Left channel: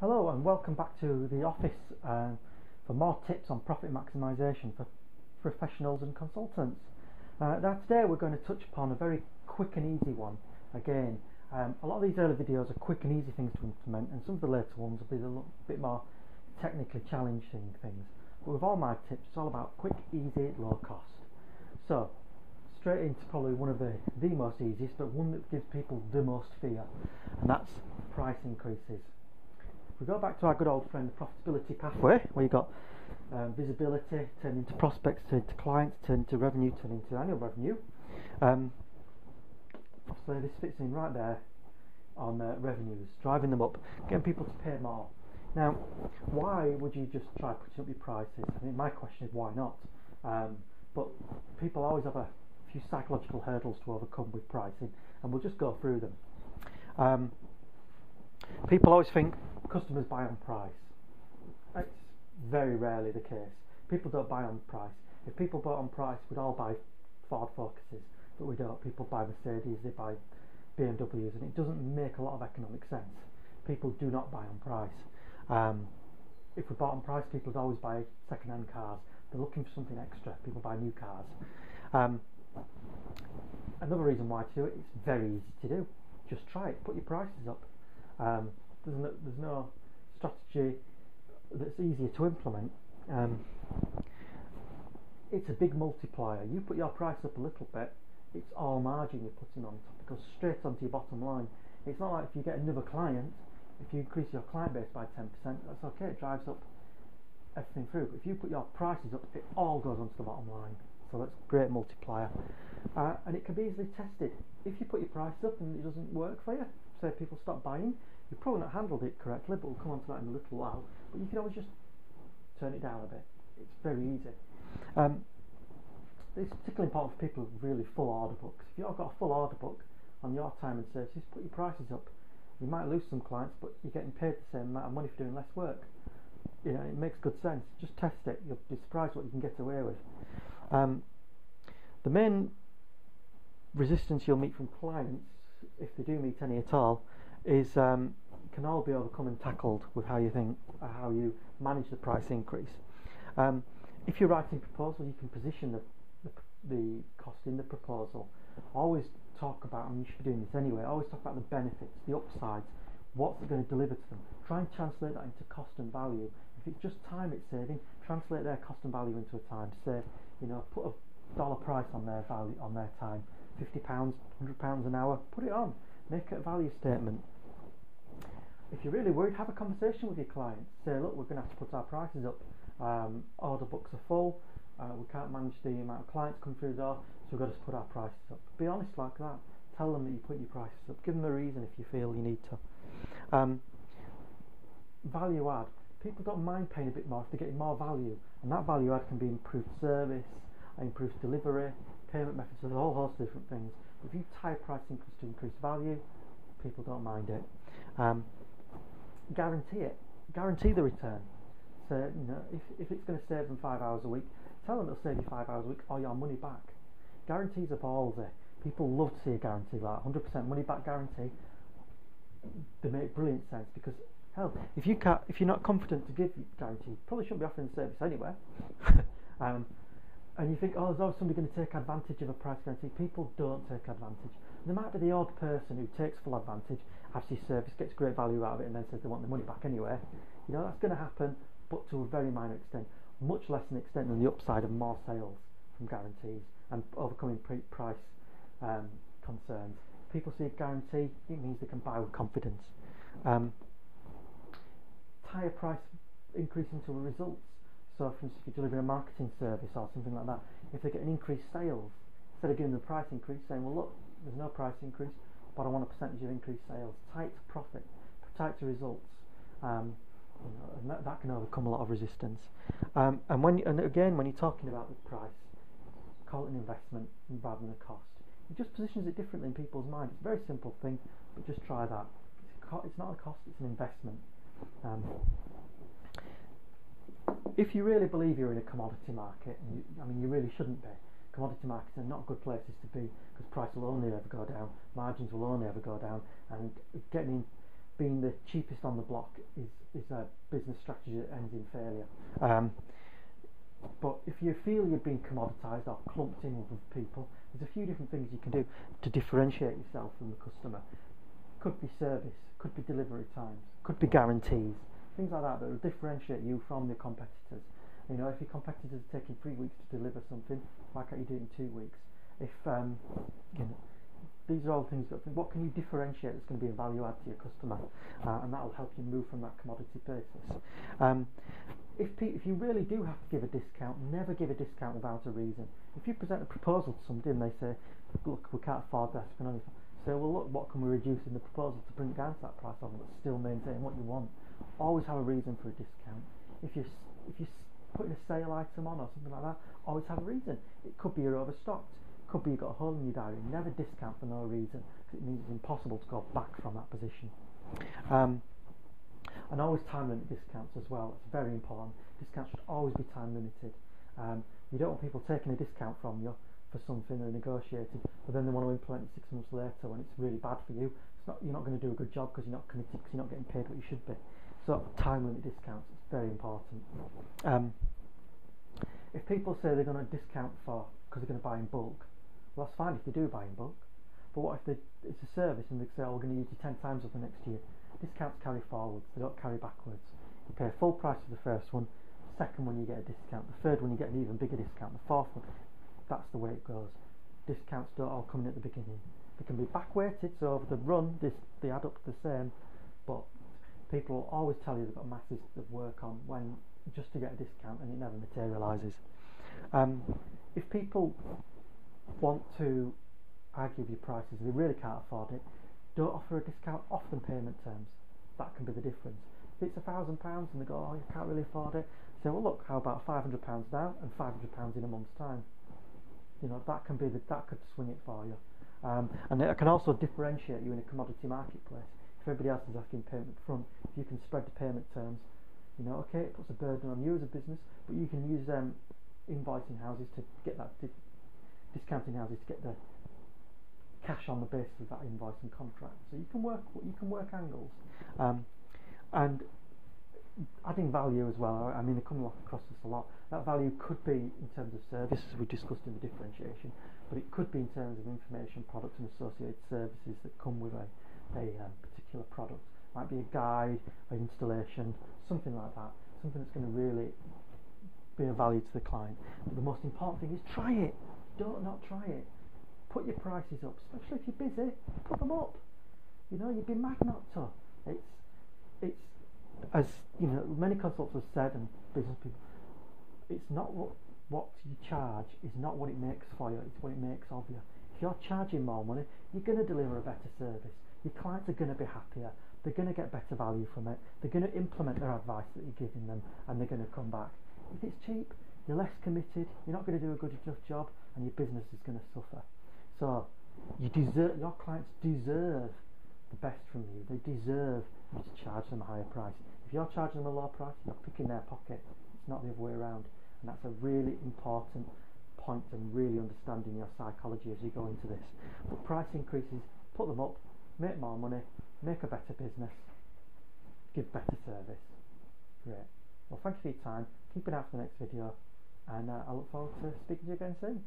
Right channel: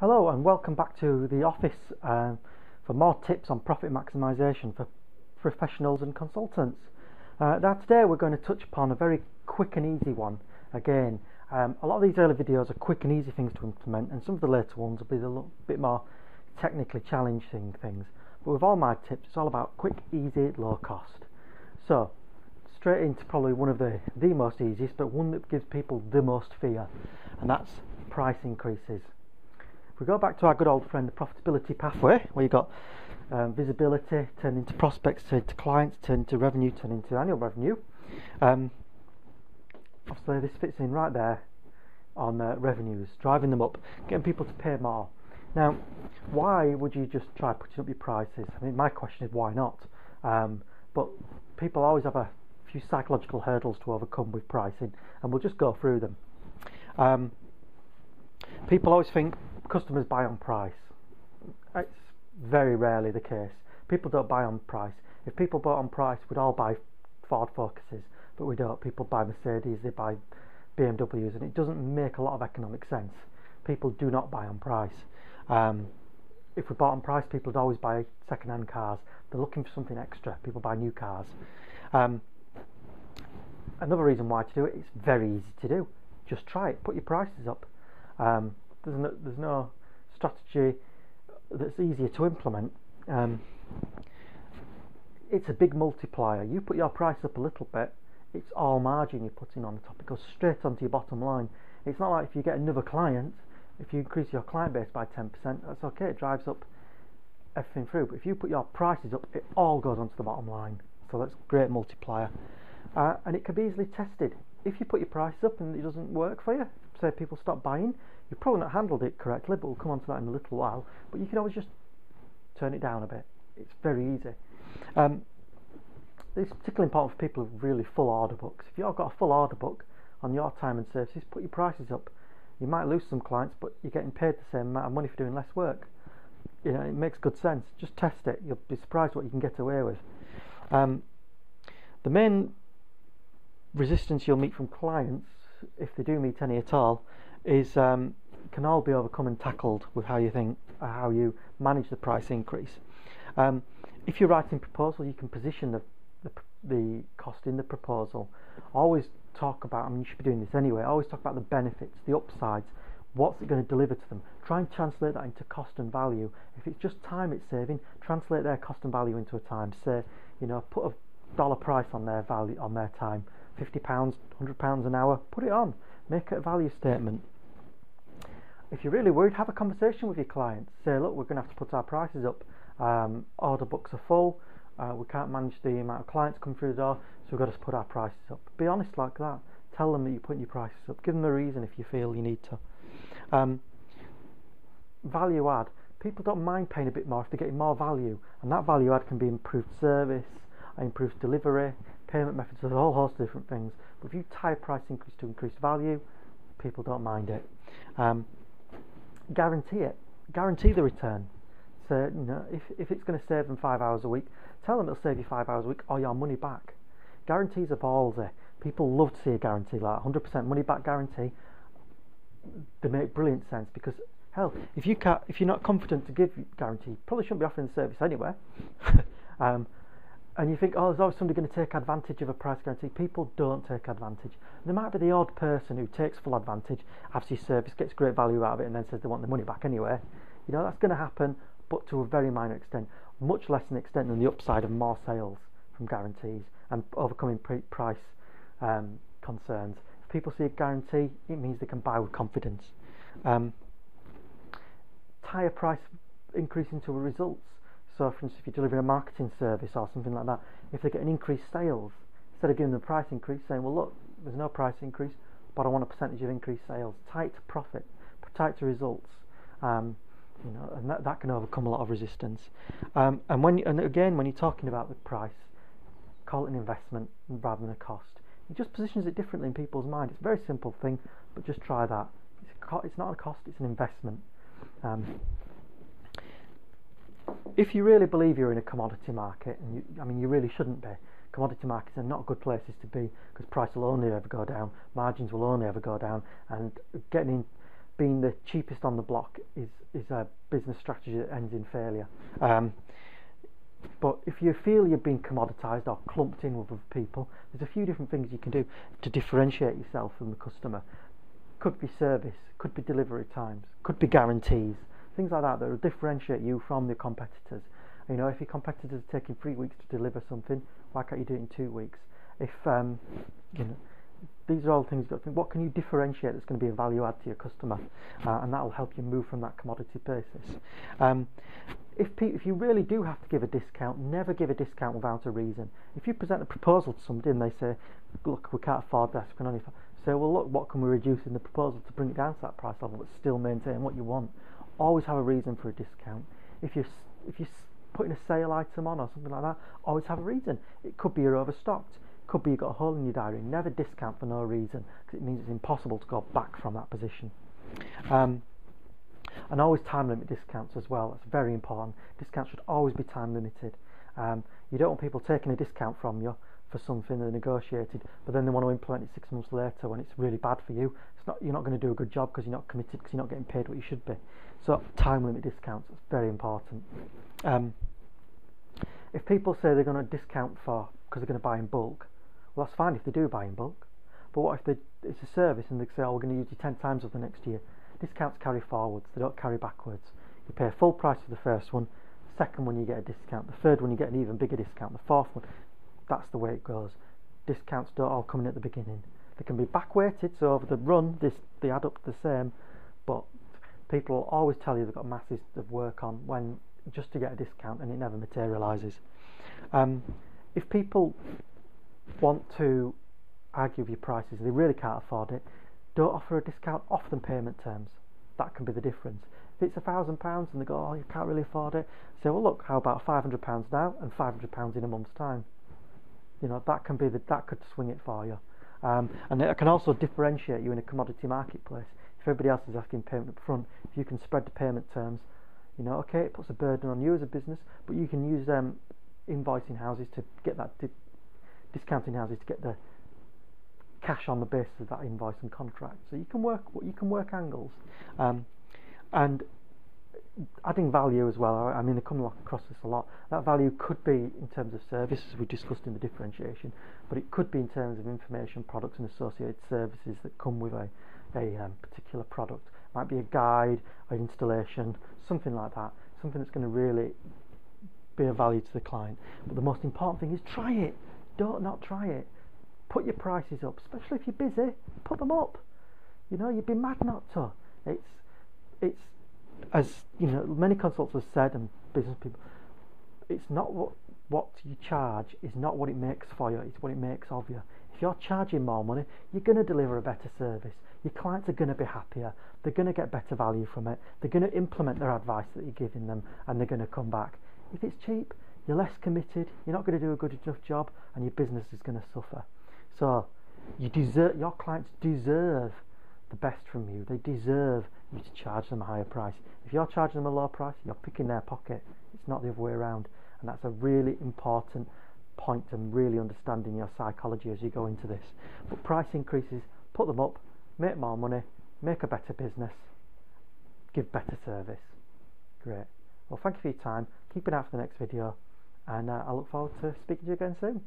Hello and welcome back to the office for more tips on profit maximisation for professionals and consultants. Now today we're going to touch upon a very quick and easy one. Again, a lot of these early videos are quick and easy things to implement, and some of the later ones will be a little bit more technically challenging things. But with all my tips, it's all about quick, easy, low cost. So straight into probably one of the most easiest, but one that gives people the most fear, and that's price increases. If we go back to our good old friend, the profitability pathway, where you've got visibility, turn into prospects, turn into clients, turn into revenue, turn into annual revenue. Obviously, this fits in right there on revenues, driving them up, getting people to pay more. Now, why would you just try putting up your prices? I mean, my question is why not? But people always have a few psychological hurdles to overcome with pricing, and we'll just go through them. People always think customers buy on price. It's very rarely the case. People don't buy on price. If people bought on price, we'd all buy Ford Focuses, but we don't. People buy Mercedes, they buy BMWs, and it doesn't make a lot of economic sense. People do not buy on price. If we bought on price, people would always buy second-hand cars. They're looking for something extra. People buy new cars. Another reason why to do it, it's very easy to do. Just try it. Put your prices up. There's no strategy that's easier to implement. It's a big multiplier. You put your price up a little bit, it's all margin you're putting on the top. It goes straight onto your bottom line. It's not like if you get another client, if you increase your client base by 10%, that's okay, it drives up everything through. But if you put your prices up, it all goes onto the bottom line. So that's a great multiplier. And it can be easily tested. If you put your prices up and it doesn't work for you, say people stop buying, you've probably not handled it correctly, but we'll come on to that in a little while. But you can always just turn it down a bit. It's very easy. It's particularly important for people with really full order books. If you've got a full order book on your time and services, put your prices up. You might lose some clients, but you're getting paid the same amount of money for doing less work. You know, it makes good sense. Just test it. You'll be surprised what you can get away with. The main resistance you'll meet from clients, if they do meet any at all, is can all be overcome and tackled with how you manage the price increase. If you're writing proposal, you can position the cost in the proposal. Always talk about, I mean, you should be doing this anyway, always talk about the benefits, the upsides, what's it going to deliver to them. Try and translate that into cost and value. If it's just time it's saving, translate their cost and value into a time. Say, put a dollar price on their value, on their time. £50, £100 an hour, put it on. Make it a value statement. If you're really worried, have a conversation with your clients. Say, look, we're going to have to put our prices up. Order books are full. We can't manage the amount of clients come through the door, so we've got to put our prices up. Be honest like that. Tell them that you're putting your prices up. Give them a reason if you feel you need to. Value add. People don't mind paying a bit more if they're getting more value, and that value add can be improved service, improved delivery, payment methods, there's a whole host of different things. But if you tie a price increase to increase value, people don't mind it. Guarantee it. Guarantee the return. So, if it's going to save them 5 hours a week, tell them it'll save you 5 hours a week or your money back. Guarantees are ballsy. People love to see a guarantee like that. 100% money back guarantee. They make brilliant sense because, hell, if you're not confident to give guarantee, you probably shouldn't be offering the service anyway. And you think, oh, there's always somebody going to take advantage of a price guarantee. People don't take advantage. There might be the odd person who takes full advantage, after your service, gets great value out of it, and then says they want the money back anyway. That's going to happen, but to a very minor extent. Much less an extent than the upside of more sales from guarantees and overcoming price concerns. If people see a guarantee, it means they can buy with confidence. Tie a price increase into results. So, for instance, if you're delivering a marketing service or something like that, if they get an increased sales, instead of giving them a price increase, saying, well, look, there's no price increase, but I want a percentage of increased sales. Tie it to profit, tie it to results, and that can overcome a lot of resistance. And again, when you're talking about the price, call it an investment rather than a cost. It just positions it differently in people's mind. It's a very simple thing, but just try that. It's not a cost; it's an investment. If you really believe you're in a commodity market, and you really shouldn't be. Commodity markets are not good places to be because price will only ever go down, margins will only ever go down, and getting being the cheapest on the block is a business strategy that ends in failure. But if you feel you're being commoditised or clumped in with other people, there's a few different things you can do to differentiate yourself from the customer. Could be service, could be delivery times, could be guarantees, things like that will differentiate you from the competitors. You know, if your competitors are taking 3 weeks to deliver something, why can't you do it in 2 weeks? If you know, these are all things you've got to think, what can you differentiate that's going to be a value add to your customer, and that will help you move from that commodity basis. If you really do have to give a discount, never give a discount without a reason. If you present a proposal to somebody and they say, look, we can't afford this, we can only say, well, look, what can we reduce in the proposal to bring it down to that price level but still maintain what you want? Always have a reason for a discount. If you're putting a sale item on or something like that, always have a reason. It could be you're overstocked, it could be you've got a hole in your diary. Never discount for no reason, because it means it's impossible to go back from that position. And always time limit discounts as well. That's very important. Discounts should always be time limited. You don't want people taking a discount from you for something they negotiated, but then they want to implement it 6 months later when it's really bad for you. You're not going to do a good job because you're not committed, because you're not getting paid what you should be. So time limit discounts is very important. If people say they're going to discount because they're going to buy in bulk, well, that's fine if they do buy in bulk. But what if it's a service and they say, oh, we're going to use you 10 times over the next year? Discounts carry forwards, they don't carry backwards. You pay full price for the first one, the second one you get a discount, the third one you get an even bigger discount, the fourth one, that's the way it goes. Discounts don't all come in at the beginning. They can be back weighted, so over the run they add up to the same, but people will always tell you they've got masses of work on when just to get a discount, and it never materialises. If people want to argue with your prices, they really can't afford it, don't offer a discount, offer them payment terms. That can be the difference. If it's £1,000 and they go, oh, you can't really afford it, say, well, look, how about £500 now and £500 in a month's time? You know, that could swing it for you. And it can also differentiate you in a commodity marketplace. If everybody else is asking payment up front, if you can spread the payment terms, you know, okay, it puts a burden on you as a business, but you can use invoicing houses to get that discounting houses to get the cash on the basis of that invoice and contract. So you can work angles, and adding value as well. I mean, they come across this a lot. That value could be in terms of service, as we discussed in the differentiation, but it could be in terms of information, products, and associated services that come with a particular product. It might be a guide, an installation, something like that. Something that's going to really be of value to the client. But the most important thing is try it. Don't not try it. Put your prices up, especially if you're busy. Put them up. You know, you'd be mad not to. It's as you know, many consultants have said, and business people, it's not what you charge is not what it makes for you. It's what it makes of you. If you're charging more money, you're going to deliver a better service. Your clients are going to be happier. They're going to get better value from it. They're going to implement their advice that you're giving them, and they're going to come back. If it's cheap, you're less committed. You're not going to do a good enough job, and your business is going to suffer. So your clients deserve the best from you. They deserve you to charge them a higher price. If you're charging them a low price, you're picking their pocket. It's not the other way around. And that's a really important point, and really understanding your psychology as you go into this. But price increases, put them up, make more money, make a better business, give better service. Great. Well, thank you for your time. Keep an eye out for the next video, and I look forward to speaking to you again soon.